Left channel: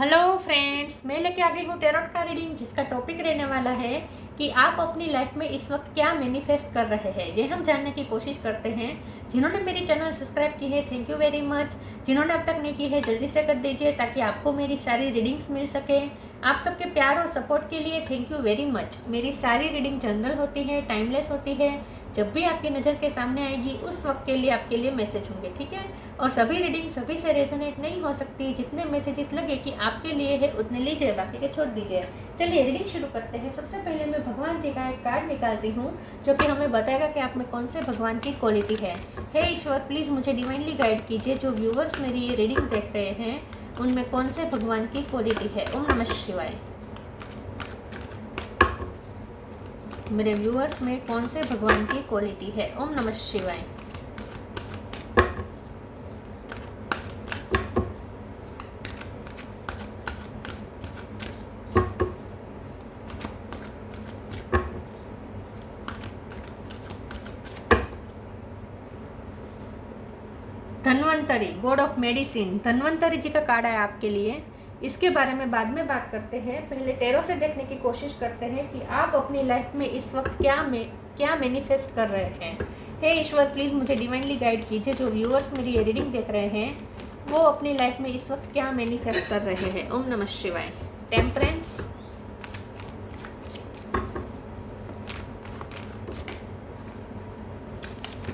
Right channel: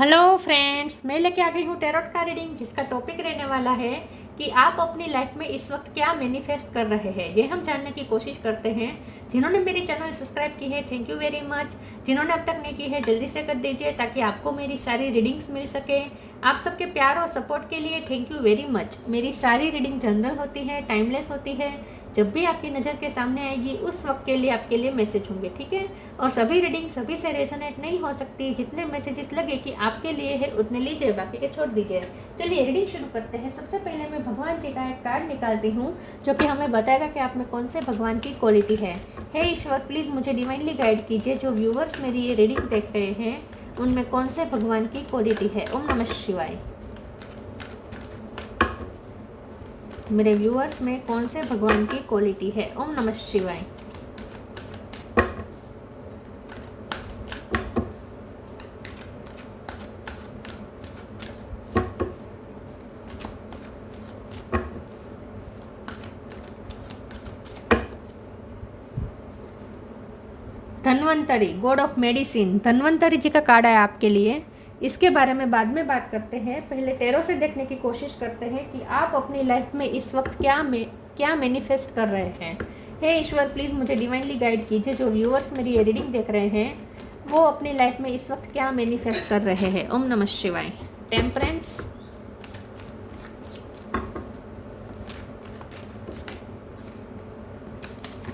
Hello friends, मैं लेके आ गई हूँ टैरोट का रीडिंग, जिसका टॉपिक रहने वाला है कि आप अपनी लाइफ में इस वक्त क्या मैनिफेस्ट कर रहे हैं। ये हम जानने की कोशिश करते हैं। जिन्होंने मेरे चैनल सब्सक्राइब की है, थैंक यू वेरी मच। जिन्होंने अब तक नहीं की है, जल्दी से कर दीजिए ताकि आपको मेरी सारी रीडिंग्स मिल सके। आप सबके प्यार और सपोर्ट के लिए थैंक यू वेरी मच। मेरी सारी रीडिंग जनरल होती है, टाइमलेस होती है। जब भी आपकी नज़र के सामने आएगी उस वक्त के लिए आपके लिए मैसेज होंगे, ठीक है। और सभी रीडिंग सभी से रेजोनेट नहीं हो सकती। जितने मैसेजेस लगे कि आपके लिए है उतने लीजिए, बाकी के छोड़ दीजिए। चलिए रीडिंग शुरू करते हैं। सबसे पहले मैं भगवान जी का एक कार्ड निकालती हूँ जो कि हमें बताएगा कि आप में कौन से भगवान की क्वालिटी है। हे ईश्वर, प्लीज़ मुझे डिवाइनली गाइड कीजिए। जो व्यूवर्स मेरी ये रीडिंग देख रहे हैं उनमें कौन से भगवान की क्वालिटी है। ओम नमः शिवाय। मेरे व्यूअर्स में कौन से भगवान की क्वालिटी है। ओम नमः शिवाय। Dhanvantari, god of medicine. Dhanvantari ji का कार्ड है आपके लिए। इसके बारे में बाद में बात करते हैं। पहले टैरो से देखने की कोशिश करते हैं कि आप अपनी लाइफ में इस वक्त क्या मैनिफेस्ट कर रहे हैं। हे ईश्वर, प्लीज़ मुझे डिवाइनली गाइड कीजिए। जो व्यूअर्स मेरी ये रीडिंग देख रहे हैं वो अपनी लाइफ में इस वक्त क्या मैनिफेस्ट कर रहे हैं। ओम नमः शिवाय। टेम्परेंस,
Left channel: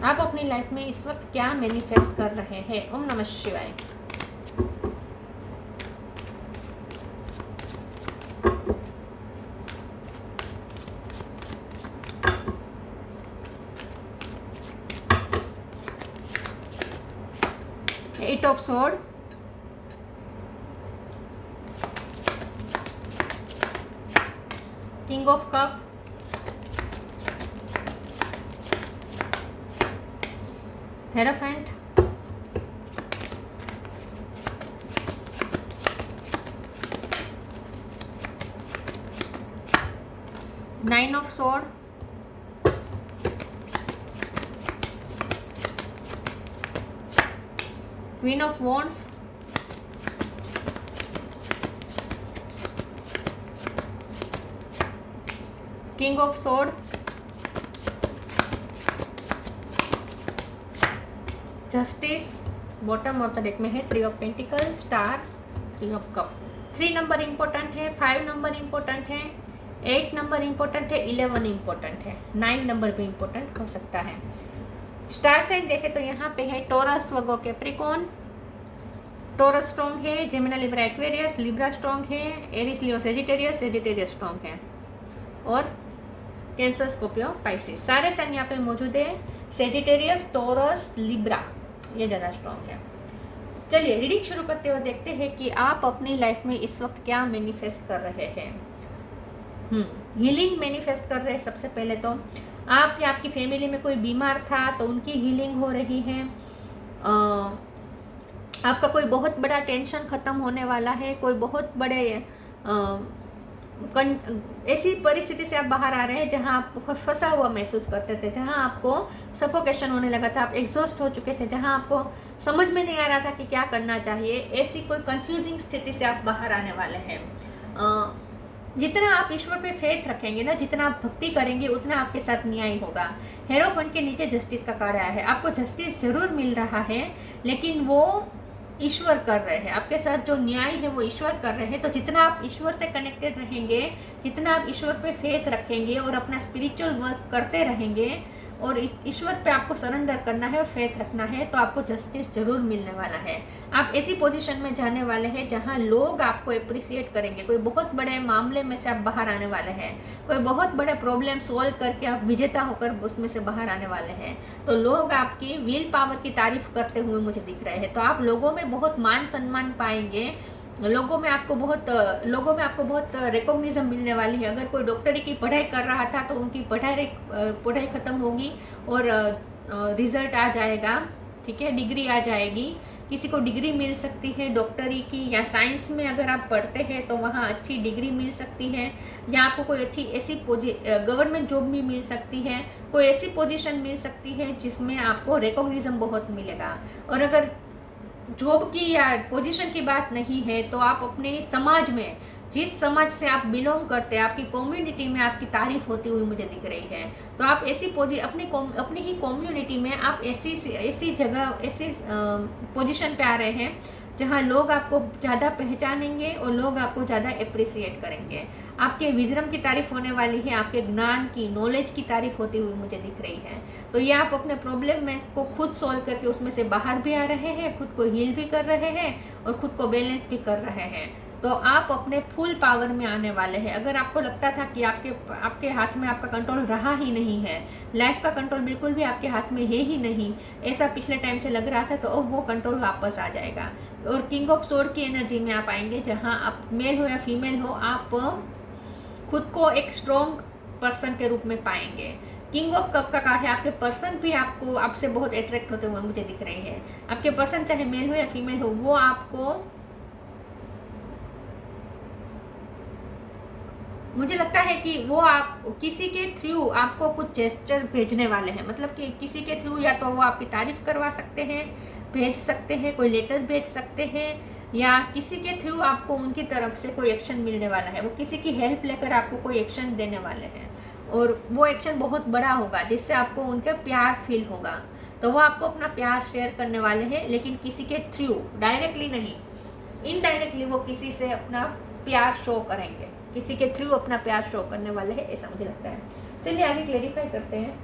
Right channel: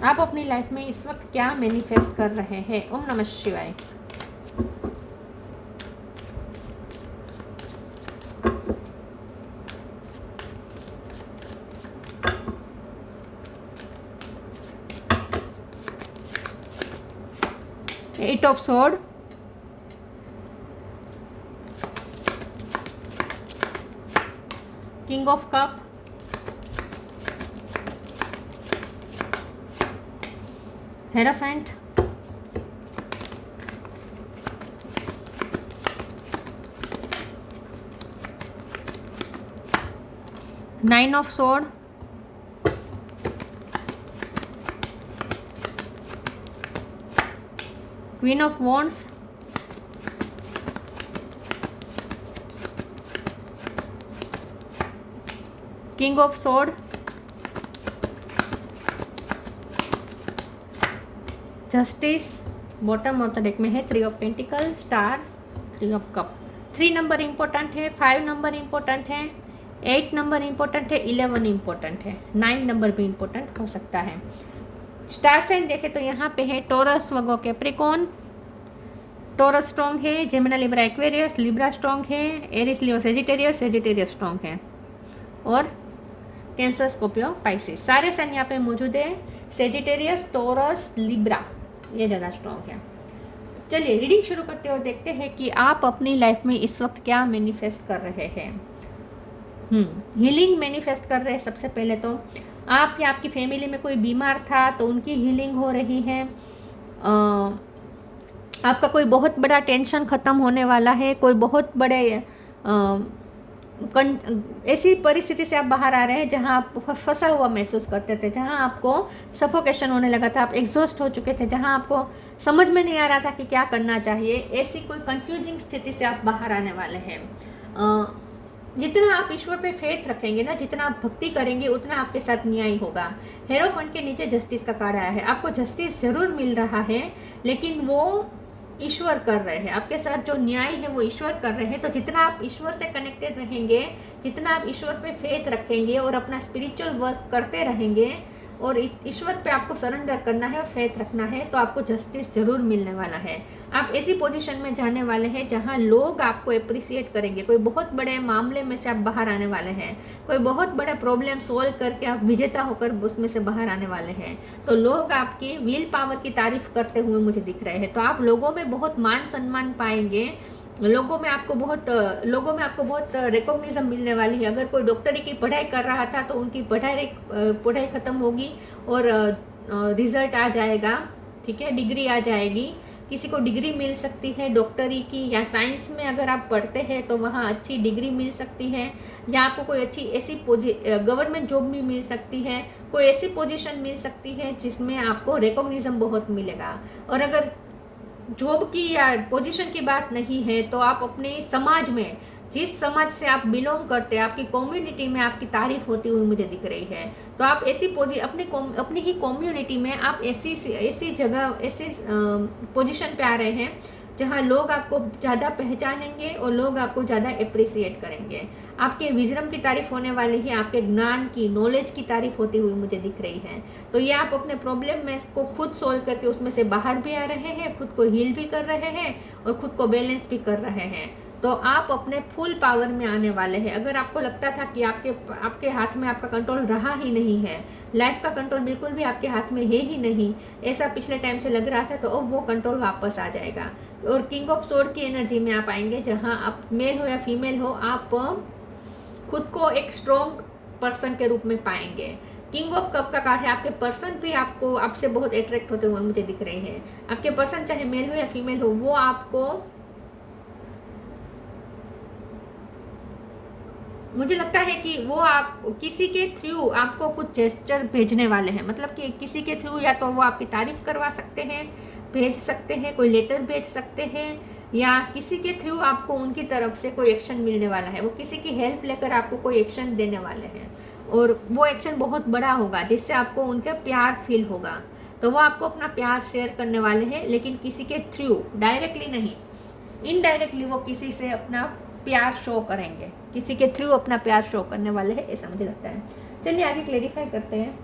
आप अपनी लाइफ में इस वक्त क्या मैनिफेस्ट कर रहे हैं। ओम नमः शिवाय। Eight of sword, king of cup, hierophant, nine of sword, queen of wands, king of sword, justice. Bottom of the deck में है three of pentacle, star, three of cup. 3 number important है, 5 number important है, 8 number important है, 11 important है, 9 number भी important हो सकता है। स्टार साइन देखें तो यहाँ पे है टॉरस, वर्गो, कैप्रिकॉर्न। टॉरस स्ट्रॉन्ग है, Gemini, Libra, Aquarius. Libra strong है, एरिस, लियो, सेजिटेरियस। सेजिटेरियस स्ट्रॉन्ग है, और कैंसर, स्कॉर्पियो, पाइसिस। सारे साइन यहाँ पे मौजूद है। सेजिटेरियस, टॉरस, लिब्रा ये ज़्यादा स्ट्रॉन्ग है। चलिए रीडिंग शुरू करते हुए देखते हैं कि आप अपनी लाइफ में इस वक्त क्या मैनिफेस्ट कर रहे हैं। हीलिंग मैनिफेस्ट कर रहे हैं। सबसे पहले तो आप या आपकी फैमिली में कोई बीमार था तो उनकी हीलिंग हो रही है। आपका कोई बहुत बड़ा टेंशन ख़त्म होने वाला है। कोई बहुत बड़े ऐसी परिस्थिति से आप बाहर आ रहे हैं जहां आप फंसा हुआ महसूस करते थे, जहां आपको सफोकेशन होने लगा था, आप एग्जॉस्ट हो चुके थे, जहां आपको समझ में नहीं आ रहा था कि क्या करना चाहिए। ऐसी कोई कंफ्यूजिंग स्थिति से आप बाहर आने वाले हैं। जितना आप ईश्वर पे फेथ रखेंगे ना, जितना आप भक्ति करेंगे, उतना आपके साथ न्याय होगा। हेरोफेंट के नीचे जस्टिस का कार्ड आया है। आपको जस्टिस जरूर मिल रहा है, लेकिन वो ईश्वर कर रहे हैं आपके साथ। जो न्याय है वो ईश्वर कर रहे हैं। तो जितना आप ईश्वर से कनेक्टेड रहेंगे, जितना आप ईश्वर पे फेथ रखेंगे और अपना स्पिरिचुअल वर्क करते रहेंगे और ईश्वर पे आपको सरेंडर करना है और फेथ रखना है, तो आपको जस्टिस जरूर मिलने वाला है। आप ऐसी पोजीशन में जाने वाले हैं जहां लोग आपको अप्रिसिएट करेंगे। कोई बहुत बड़े मामले में से आप बाहर आने वाले हैं। कोई बहुत बड़े प्रॉब्लम सोल्व करके आप विजेता होकर उसमें से बाहर आने वाले हैं। तो लोग आपकी विल पावर की तारीफ करते हुए मुझे दिख रहे हैं। तो आप लोगों में बहुत मान सम्मान पाएंगे। लोगों में आपको बहुत रिकॉग्निशन मिलने वाली है। अगर कोई डॉक्टरी की पढ़ाई कर रहा था तो उनकी पढ़ाई ख़त्म होगी और रिजल्ट आ जाएगा, ठीक है, डिग्री आ जाएगी। किसी को डिग्री मिल सकती है डॉक्टरी की, या साइंस में अगर आप पढ़ते हैं तो वहाँ अच्छी डिग्री मिल सकती है, या आपको कोई अच्छी ऐसी गवर्नमेंट जॉब भी मिल सकती है। कोई ऐसी पोजीशन मिल सकती है जिसमें आपको रिकॉग्निशन बहुत मिलेगा। और अगर जॉब की या पोजीशन की बात नहीं है, तो आप अपने समाज में, जिस समाज से आप बिलोंग करते हैं, आपकी कम्युनिटी में आपकी तारीफ होती हुई मुझे दिख रही है। तो आप ऐसी अपनी ही कम्युनिटी में आप ऐसी जगह, ऐसे पोजीशन पे आ रहे हैं जहाँ लोग आपको ज़्यादा पहचानेंगे और लोग आपको ज़्यादा अप्रिसिएट करेंगे। आपके विजडम की तारीफ होने वाली है, आपके ज्ञान की, नॉलेज की तारीफ होती हुई मुझे दिख रही है। तो ये आप अपने प्रॉब्लम में को खुद सॉल्व करके उसमें से बाहर भी आ रहे हैं, खुद को हील भी कर रहे हैं और खुद को बैलेंस भी कर रहे हैं। तो आप अपने फुल पावर में आने वाले हैं। अगर आपको लगता था कि आपके हाथ में आपका कंट्रोल रहा ही नहीं है, लाइफ का कंट्रोल बिल्कुल भी आपके हाथ में है ही नहीं, ऐसा पिछले टाइम से लग रहा था, तो अब वो कंट्रोल वापस आ जाएगा। और किंग ऑफ सोर्ड की एनर्जी में आप आएंगे, जहाँ आप मेल हो या फीमेल हो, आप खुद को एक स्ट्रॉन्ग पर्सन के रूप में पाएंगे। किंग ऑफ कप का कार्ड है, आपके पर्सन भी आपसे बहुत अट्रैक्ट होते हुए मुझे दिख रहे हैं। आपके पर्सन चाहे मेल हो या फीमेल हो, वो आपको, मुझे लगता है कि वो आप किसी के थ्रू आपको कुछ जेस्चर भेजने वाले हैं। मतलब कि किसी के थ्रू या तो वो आपकी तारीफ करवा सकते हैं, भेज सकते हैं, कोई लेटर भेज सकते हैं, या किसी के थ्रू आपको उनकी तरफ से कोई एक्शन मिलने वाला है। वो किसी की हेल्प लेकर आपको कोई एक्शन देने वाले हैं और वो एक्शन बहुत बड़ा होगा, जिससे आपको उनका प्यार फील होगा। तो वो आपको अपना प्यार शेयर करने वाले हैं, लेकिन किसी के थ्रू, डायरेक्टली नहीं, इनडायरेक्टली वो किसी से अपना प्यार शो करेंगे, किसी के थ्रू अपना प्यार शो करने वाले हैं, ऐसा मुझे लगता है। चलिए आगे क्लेरिफाई करते हैं।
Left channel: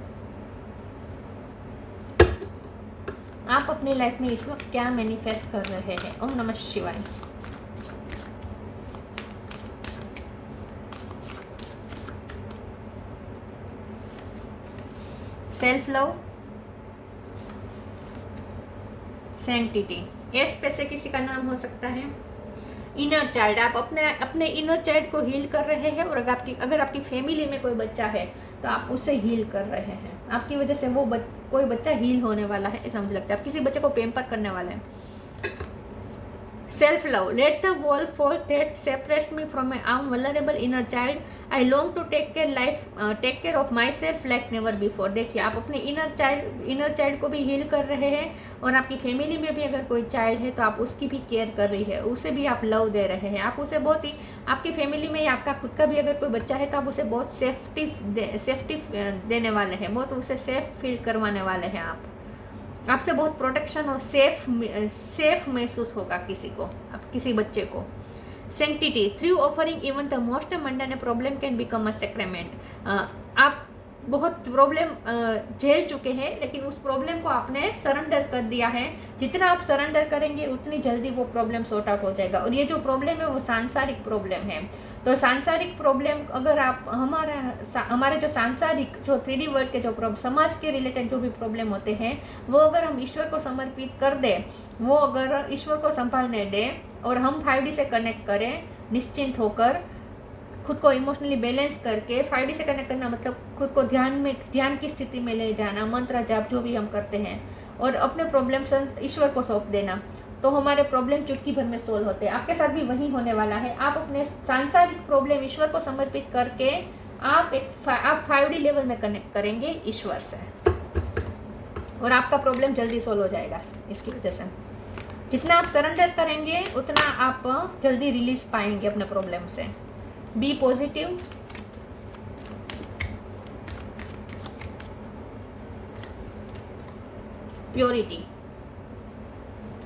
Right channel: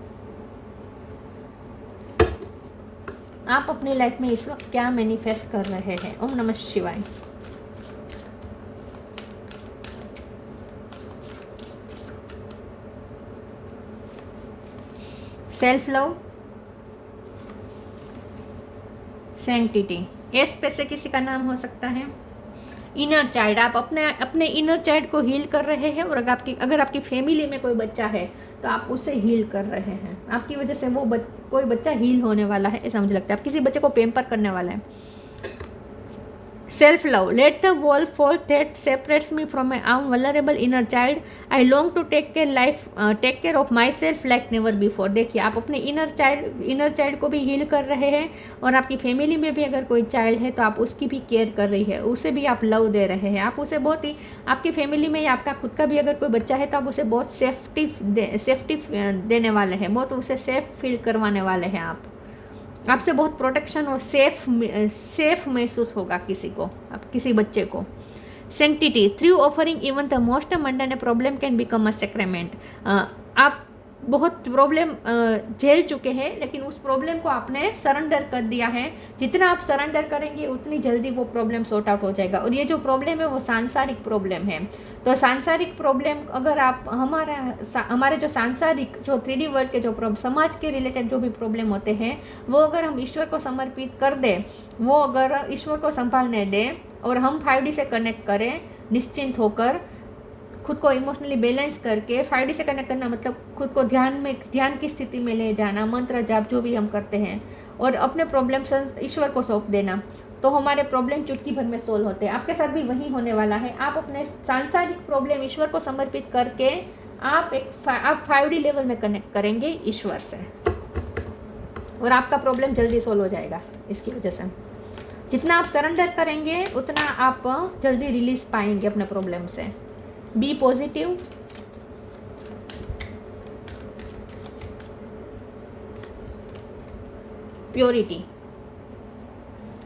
आप अपनी लाइफ में इस वक्त क्या मैनिफेस्ट कर रहे हैं। ओम नमः शिवाय। सेल्फ लव, सैंक्टिटी, एस पे से किसी का नाम हो सकता है। इनर चाइल्ड, आप अपने इनर चाइल्ड को हील कर रहे हैं। और अगर आपकी फैमिली में कोई बच्चा है तो आप उसे हील कर रहे हैं। आपकी वजह से वो कोई बच्चा हील होने वाला है, ऐसा मुझे लगता है। आप किसी बच्चे को पेम्पर करने वाला है। Self love, let the wall fall that separates me from my own vulnerable inner child. I long to take care of my self like never before. देखिए, आप अपने इनर चाइल्ड को भी हील कर रहे हैं और आपकी फैमिली में भी अगर कोई चाइल्ड है तो आप उसकी भी केयर कर रही है, उसे भी आप लव दे रहे हैं। आप उसे बहुत ही, आपकी फैमिली में या आपका खुद का भी अगर कोई बच्चा है तो आप उसे बहुत सेफ्टी देने वाले हैं, बहुत उसे सेफ फील करवाने वाले हैं। आपसे बहुत प्रोटेक्शन और सेफ महसूस होगा किसी बच्चे को। Sanctity, through offering even the most mundane problem can become a sacrament. आप बहुत प्रॉब्लम झेल चुके हैं, लेकिन उस प्रॉब्लम को आपने सरेंडर कर दिया है। जितना आप सरेंडर करेंगे उतनी जल्दी वो प्रॉब्लम सॉर्ट आउट हो जाएगा। और ये जो प्रॉब्लम है वो सांसारिक प्रॉब्लम है। तो सांसारिक प्रॉब्लम, अगर आप हमारे जो सांसारिक, जो 3D वर्ल्ड के जो समाज के रिलेटेड जो भी प्रॉब्लम होते हैं, वो अगर हम ईश्वर को समर्पित कर दें, वो अगर ईश्वर को संभालने दें और हम 5D से कनेक्ट करें, निश्चिंत होकर, खुद को इमोशनली बैलेंस करके, 5D से कनेक्ट करना मतलब खुद को ध्यान की स्थिति में ले जाना, मंत्र जाप जो भी हम करते हैं, और अपने प्रॉब्लम ईश्वर को सौंप देना, तो हमारे प्रॉब्लम चुटकी भर में सोल्व होते हैं। आपके साथ भी वही होने वाला है। आप अपने सांसारिक प्रॉब्लम ईश्वर को समर्पित करके आप 5D लेवल में कनेक्ट करेंगे ईश्वर से, और आपका प्रॉब्लम जल्दी सोल्व हो जाएगा। इसकी वजह से जितना आप सरेंडर करेंगे उतना आप जल्दी रिलीज पाएंगे अपने प्रॉब्लम से। Be positive, purity,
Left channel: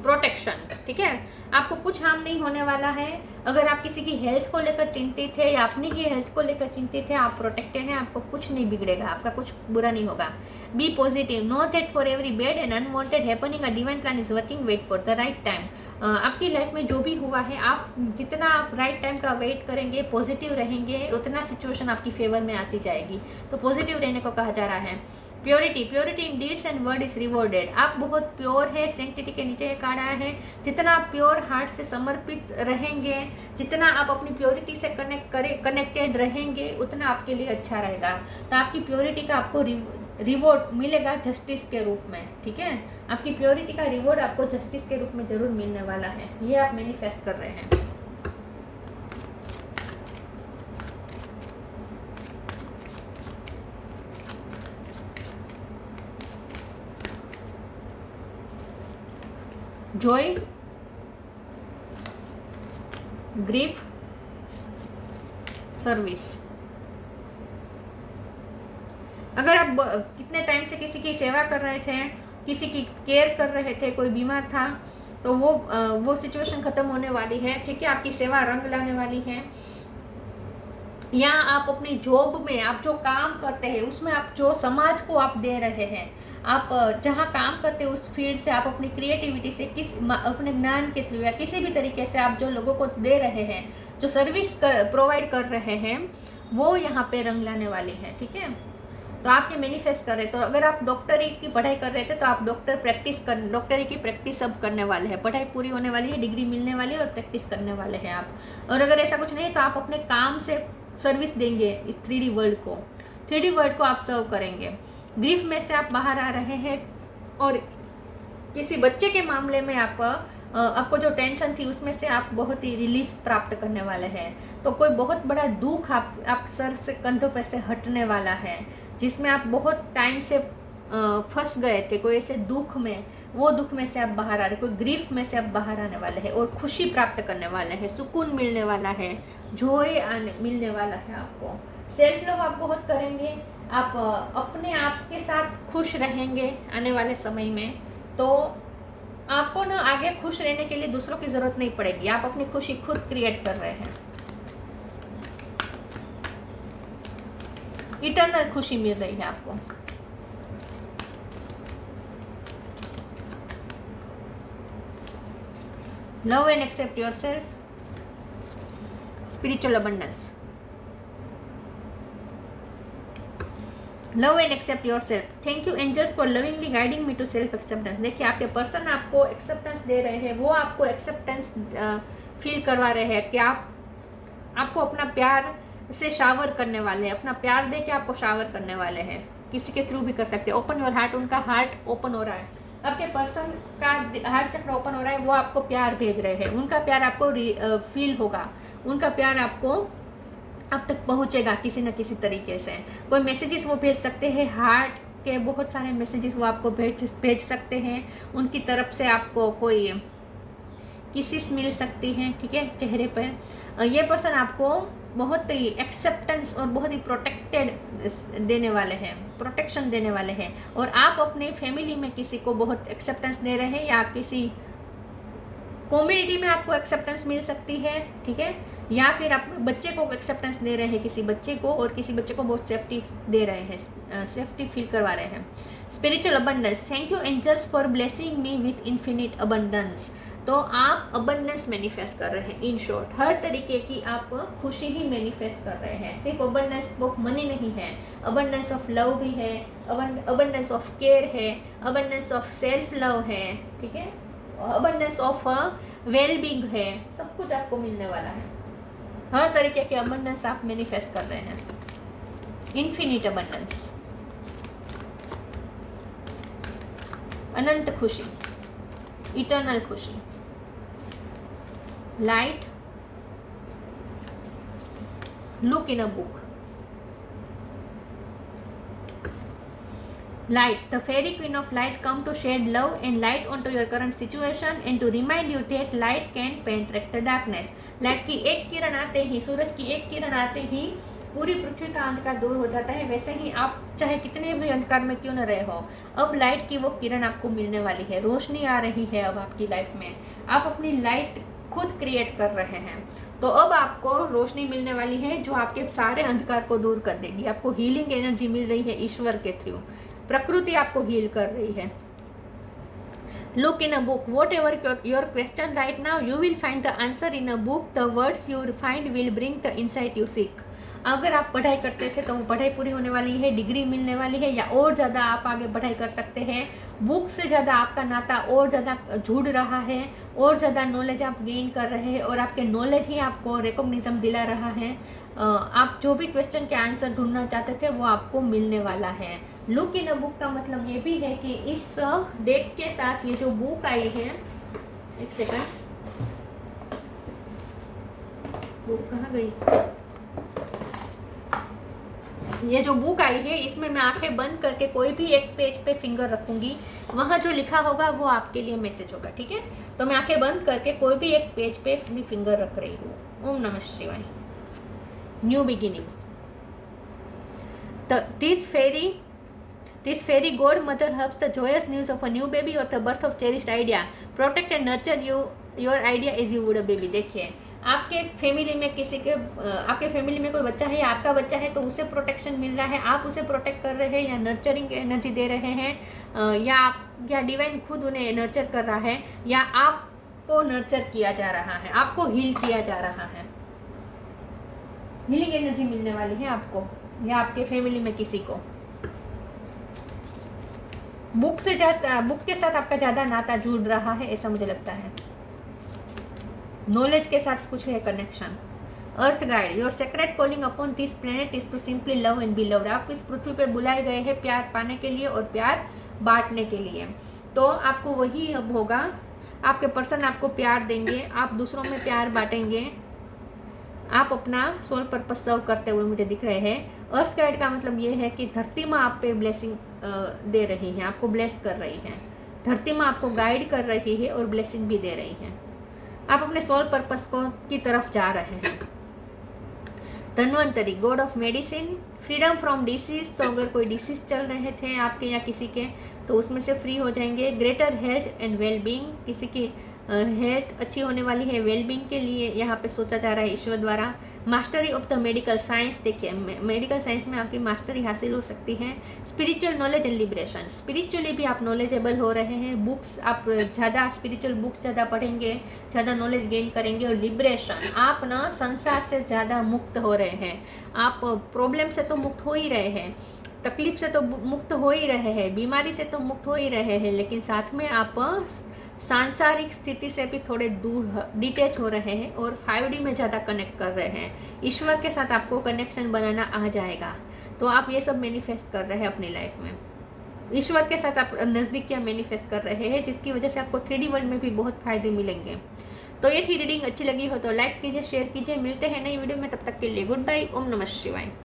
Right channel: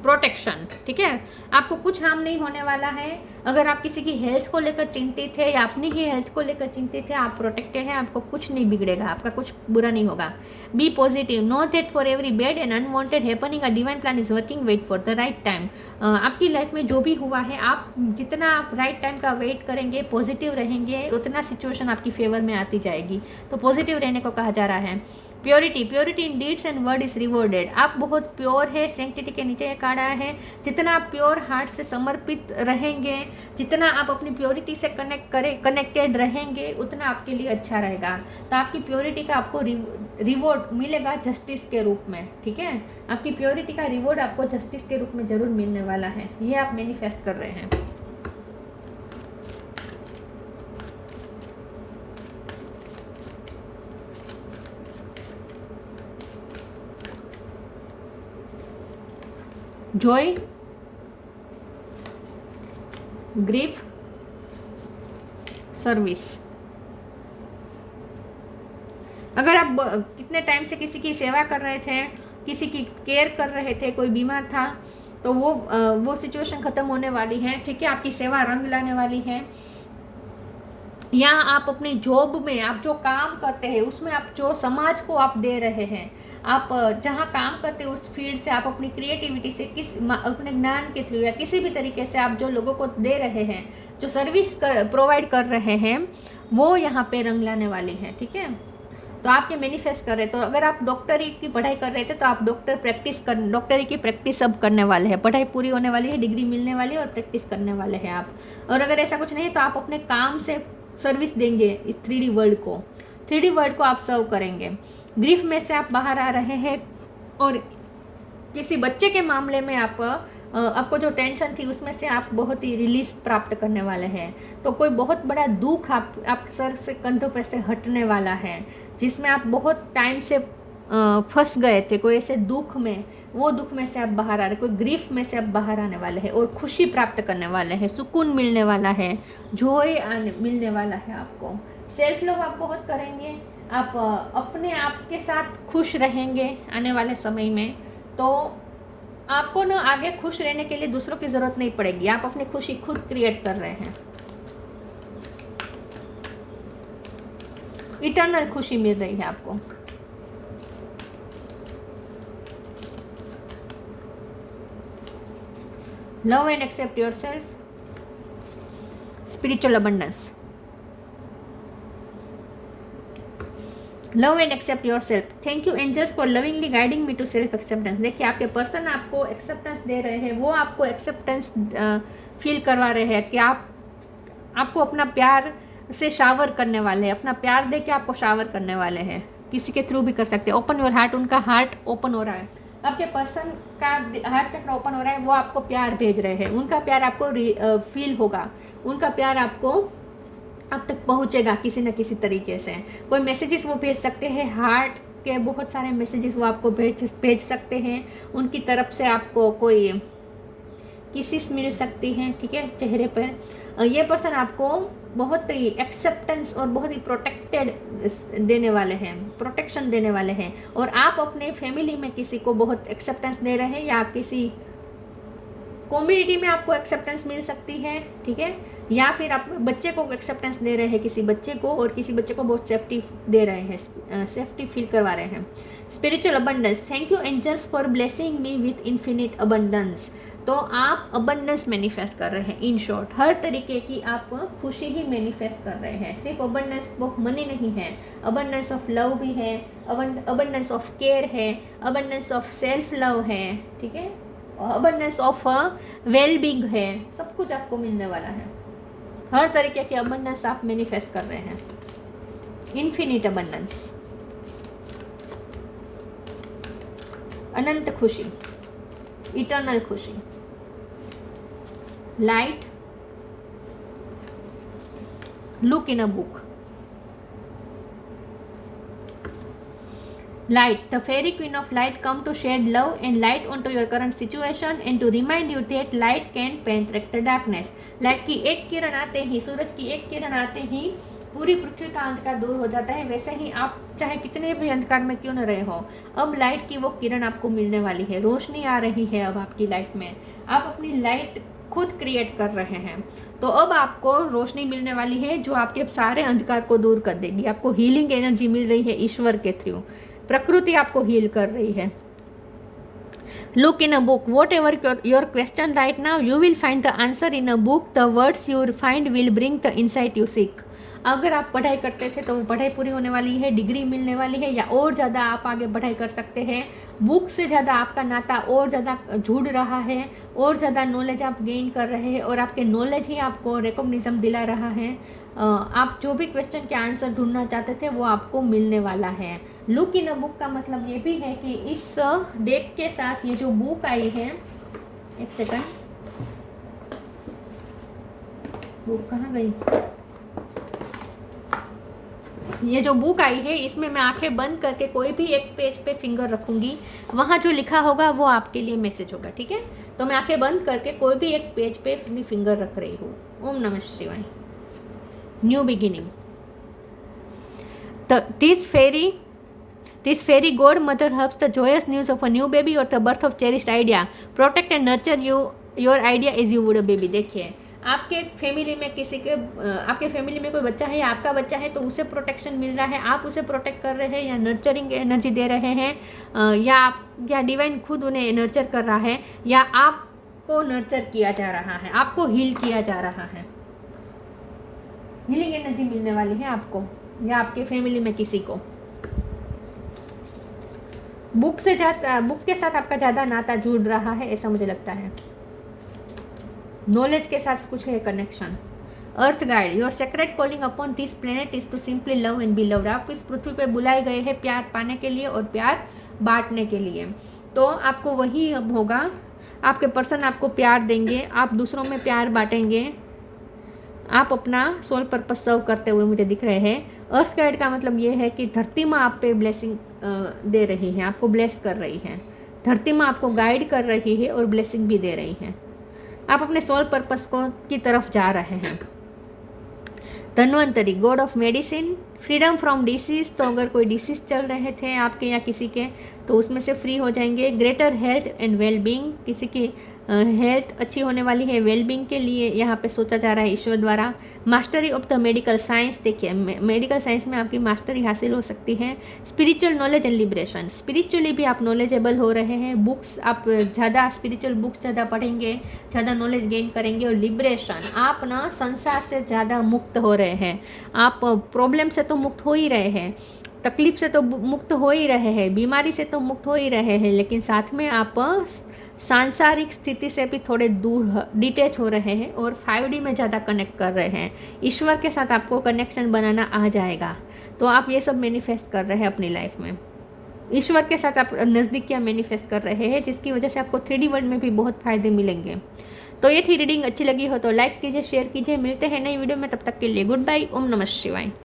protection. ठीक है, आपको कुछ हार्म नहीं होने वाला है। अगर आप किसी की हेल्थ को लेकर चिंतित है या अपनी ही हेल्थ को लेकर चिंतित है, आप प्रोटेक्टेड हैं, आपको कुछ नहीं बिगड़ेगा, आपका कुछ बुरा नहीं होगा। Be positive, know that for every bad and unwanted happening a divine plan is working, wait for the right time. आपकी लाइफ में जो भी हुआ है, आप जितना राइट टाइम का वेट करेंगे, पॉजिटिव रहेंगे, उतना सिचुएशन आपकी फेवर में आती जाएगी। तो पॉजिटिव रहने को कहा जा रहा है। Purity, purity in deeds and word is rewarded. आप बहुत प्योर है, सेंक्टिटी के नीचे एक कार्ड आया है। जितना आप प्योर हार्ट से समर्पित रहेंगे, जितना आप अपनी प्योरिटी से कनेक्टेड रहेंगे, उतना आपके लिए अच्छा रहेगा। तो आपकी प्योरिटी का आपको रिवॉर्ड मिलेगा जस्टिस के रूप में। ठीक है, आपकी प्योरिटी का रिवॉर्ड आपको जस्टिस के रूप में जरूर मिलने वाला है। ये आप मैनिफेस्ट कर रहे हैं। Joy, grief, service. अगर आप कितने टाइम से किसी की सेवा कर रहे थे, किसी की केयर कर रहे थे, कोई बीमार था, तो वो सिचुएशन खत्म होने वाली है, ठीक है। आपकी सेवा रंग लाने वाली है। या आप अपने जॉब में आप जो काम करते हैं उसमें आप जो समाज को आप दे रहे हैं, आप जहाँ काम करते हो उस फील्ड से आप अपनी क्रिएटिविटी से अपने ज्ञान के थ्रू या किसी भी तरीके से आप जो लोगों को दे रहे हैं, जो सर्विस प्रोवाइड कर रहे हैं, वो यहाँ पे रंग लाने वाली है, ठीक है। तो आप ये मैनिफेस्ट कर रहे हैं। तो अगर आप डॉक्टरी की पढ़ाई कर रहे थे तो आप डॉक्टरी की प्रैक्टिस अब करने वाले हैं। पढ़ाई पूरी होने वाली है, डिग्री मिलने वाली है और प्रैक्टिस करने वाले हैं आप। और अगर ऐसा कुछ नहीं तो आप अपने काम से सर्विस देंगे इस 3D वर्ल्ड को आप सर्व करेंगे। ग्रीफ में से आप बाहर आ रहे हैं और किसी बच्चे के मामले में आपको जो टेंशन थी उसमें से आप बहुत ही रिलीज प्राप्त करने वाले हैं। तो कोई बहुत बड़ा दुख आप सर से कंधों पे से हटने वाला है, जिसमें आप बहुत टाइम से फंस गए थे, कोई ऐसे दुख में, वो दुख में से आप बाहर आ रहे, कोई ग्रीफ में से आप बाहर आने वाले हैं और खुशी प्राप्त करने वाले हैं, सुकून मिलने वाला है, जॉय मिलने वाला है आपको। सेल्फ लव आप बहुत करेंगे, आप अपने आप के साथ खुश रहेंगे आने वाले समय में। तो आपको ना आगे खुश रहने के लिए दूसरों की जरूरत नहीं पड़ेगी, आप अपनी खुशी खुद क्रिएट कर रहे हैं। इटर्नल खुशी मिल रही है आपको। Love and accept yourself, spiritual abundance. Love and accept your self. Thank you angels for lovingly guiding me to self acceptance. देखिए आपके पर्सन आपको एक्सेप्टेंस दे रहे हैं, वो आपको एक्सेप्टेंस फील करवा रहे हैं कि आपको अपना प्यार से शावर करने वाले हैं, अपना प्यार दे के आपको शावर करने वाले हैं। किसी के थ्रू भी कर सकते हैं। ओपन योर हार्ट, उनका हार्ट ओपन हो रहा है, आपके पर्सन का हार्ट चक्र ओपन हो रहा है, वो आपको प्यार भेज रहे हैं। उनका प्यार आपको फील होगा, उनका प्यार आपको अब तक पहुंचेगा किसी न किसी तरीके से। कोई मैसेजेस वो भेज सकते हैं, हार्ट के बहुत सारे मैसेजेस वो आपको भेज सकते हैं। उनकी तरफ से आपको कोई किसिस मिल सकती हैं, ठीक है, चेहरे पर। ये पर्सन आपको बहुत ही एक्सेप्टेंस और बहुत ही प्रोटेक्टेड देने वाले हैं, प्रोटेक्शन देने वाले हैं। और आप अपने फैमिली में किसी को बहुत एक्सेप्टेंस दे रहे हैं, या किसी कम्युनिटी में आपको एक्सेप्टेंस मिल सकती है, ठीक है। या फिर आप बच्चे को एक्सेप्टेंस दे रहे हैं किसी बच्चे को, और किसी बच्चे को बहुत सेफ्टी दे रहे हैं, सेफ्टी फील करवा रहे हैं। Spiritual abundance. Thank you angels for blessing me with infinite abundance. तो आप अबंडेंस मैनिफेस्ट कर रहे हैं। इन शॉर्ट हर तरीके की आप खुशी ही मैनिफेस्ट कर रहे हैं। सिर्फ अबंडेंस ऑफ मनी नहीं है, अबंडेंस ऑफ लव भी है, अबंडेंस ऑफ केयर है, अबंडेंस ऑफ सेल्फ लव है, ठीक है, अबंडेंस ऑफ वेल बीइंग है। सब कुछ आपको मिलने वाला है। हर तरीके के अबंडेंस आप मैनिफेस्ट कर रहे हैं। इन्फिनिट अबंडेंस, अनंत खुशी, इटर्नल खुशी। Light, look in a book. Light, the fairy queen of light come to shed love and light onto your current situation and to remind you that light can penetrate the darkness. Light की एक किरण आते ही, सूरज की एक किरण आते ही पूरी पृथ्वी का अंधकार दूर हो जाता है। वैसे ही आप चाहे कितने भी अंधकार में क्यों न रहे हो, अब लाइट की वो किरण आपको मिलने वाली है, रोशनी आ रही है अब आपकी लाइफ में। आप अपनी लाइट खुद क्रिएट कर रहे हैं, तो अब आपको रोशनी मिलने वाली है जो आपके सारे अंधकार को दूर कर देगी। आपको हीलिंग एनर्जी मिल रही है ईश्वर के थ्रू, प्रकृति आपको हील कर रही है। Look in a book, what ever your question right now you will find the answer in a book, the words you find will bring the insight you seek. अगर आप पढ़ाई करते थे तो वो पढ़ाई पूरी होने वाली है, डिग्री मिलने वाली है, या और ज़्यादा आप आगे पढ़ाई कर सकते हैं। बुक से ज़्यादा आपका नाता और ज़्यादा जुड़ रहा है, और ज़्यादा नॉलेज आप गेन कर रहे हैं, और आपके नॉलेज ही आपको रिकॉग्निशन दिला रहा है। आप जो भी क्वेश्चन के आंसर ढूंढना चाहते थे वो आपको मिलने वाला है। लुक इन अ बुक का मतलब ये भी है कि इस डेक के साथ ये जो बुक आई है, एक सेकंड, बुक कहाँ गई, ये जो बुक आई है इसमें मैं आंखें बंद करके कोई भी एक पेज पे फिंगर रखूंगी, वहाँ जो लिखा होगा वो आपके लिए मैसेज होगा, ठीक है। तो मैं आंखें बंद करके कोई भी एक पेज पे अपनी फिंगर रख रही हूँ। ओम नमः शिवाय। New beginning. This fairy godmother helps the joyous news of a new baby or the birth of cherished idea. Protect and nurture your idea as you would a baby. देखिए, आपके family में आपके family में कोई बच्चा है या आपका बच्चा है, तो उसे प्रोटेक्शन मिल रहा है, आप उसे प्रोटेक्ट कर रहे हैं या नर्चरिंग एनर्जी दे रहे हैं, या डिवाइन खुद उन्हें नर्चर कर रहा है, या आपको नर्चर किया जा रहा है, आपको हील किया जा रहा है। हीलिंग एनर्जी मिलने वाली है आपको या आपके फैमिली में किसी को। बुक के साथ आपका ज़्यादा नाता जुड़ रहा है, ऐसा मुझे लगता है। नॉलेज के साथ कुछ है connection. Earth guide, your sacred calling upon this planet is to simply love and be loved. आप इस पृथ्वी पे बुलाए गए हैं प्यार पाने के लिए और प्यार बांटने के लिए। तो आपको वही अब होगा, आपके पर्सन आपको प्यार देंगे, आप दूसरों में प्यार बांटेंगे, आप अपना सोल पर्पस सर्व करते हुए मुझे दिख रहे हैं। अर्थ गाइड का मतलब ये है कि धरती माँ आप पे ब्लेसिंग दे रही है, आपको ब्लेस कर रही है। धरती माँ आपको गाइड कर रही है और ब्लेसिंग भी दे रही है। आप अपने सोल पर्पस की तरफ जा रहे हैं। Dhanvantari, god of medicine, freedom from disease. तो अगर कोई डिसीज चल रहे थे आपके या किसी के, तो उसमें से फ्री हो जाएंगे। ग्रेटर हेल्थ एंड वेलबींग, किसी की हेल्थ अच्छी होने वाली है, वेलबींग के लिए यहाँ पे सोचा जा रहा है ईश्वर द्वारा। Mastery of the medical science, देखिए मेडिकल साइंस में आपकी मास्टरी हासिल हो सकती है। Spiritual knowledge and liberation, spiritually भी आप नॉलेजेबल हो रहे हैं। बुक्स आप ज़्यादा स्पिरिचुअल बुक्स ज़्यादा पढ़ेंगे, ज़्यादा नॉलेज गेन करेंगे। और लिबरेशन, आप ना संसार से ज़्यादा मुक्त हो रहे हैं। आप प्रॉब्लम से तो मुक्त हो ही रहे हैं, तकलीफ से तो मुक्त हो ही रहे हैं, बीमारी से तो मुक्त हो ही रहे हैं, लेकिन साथ में आप सांसारिक स्थिति से भी थोड़े दूर डिटैच हो रहे हैं और 5D में ज़्यादा कनेक्ट कर रहे हैं। ईश्वर के साथ आपको कनेक्शन बनाना आ जाएगा। तो आप ये सब मैनिफेस्ट कर रहे हैं अपनी लाइफ में। ईश्वर के साथ आप नज़दीकियाँ मैनिफेस्ट कर रहे हैं, जिसकी वजह से आपको 3D वर्ल्ड में भी बहुत फ़ायदे मिलेंगे। तो ये थी रीडिंग। अच्छी लगी हो तो लाइक कीजिए, शेयर कीजिए। मिलते हैं नई वीडियो में, तब तक के लिए गुड बाय। ओम नमः शिवाय।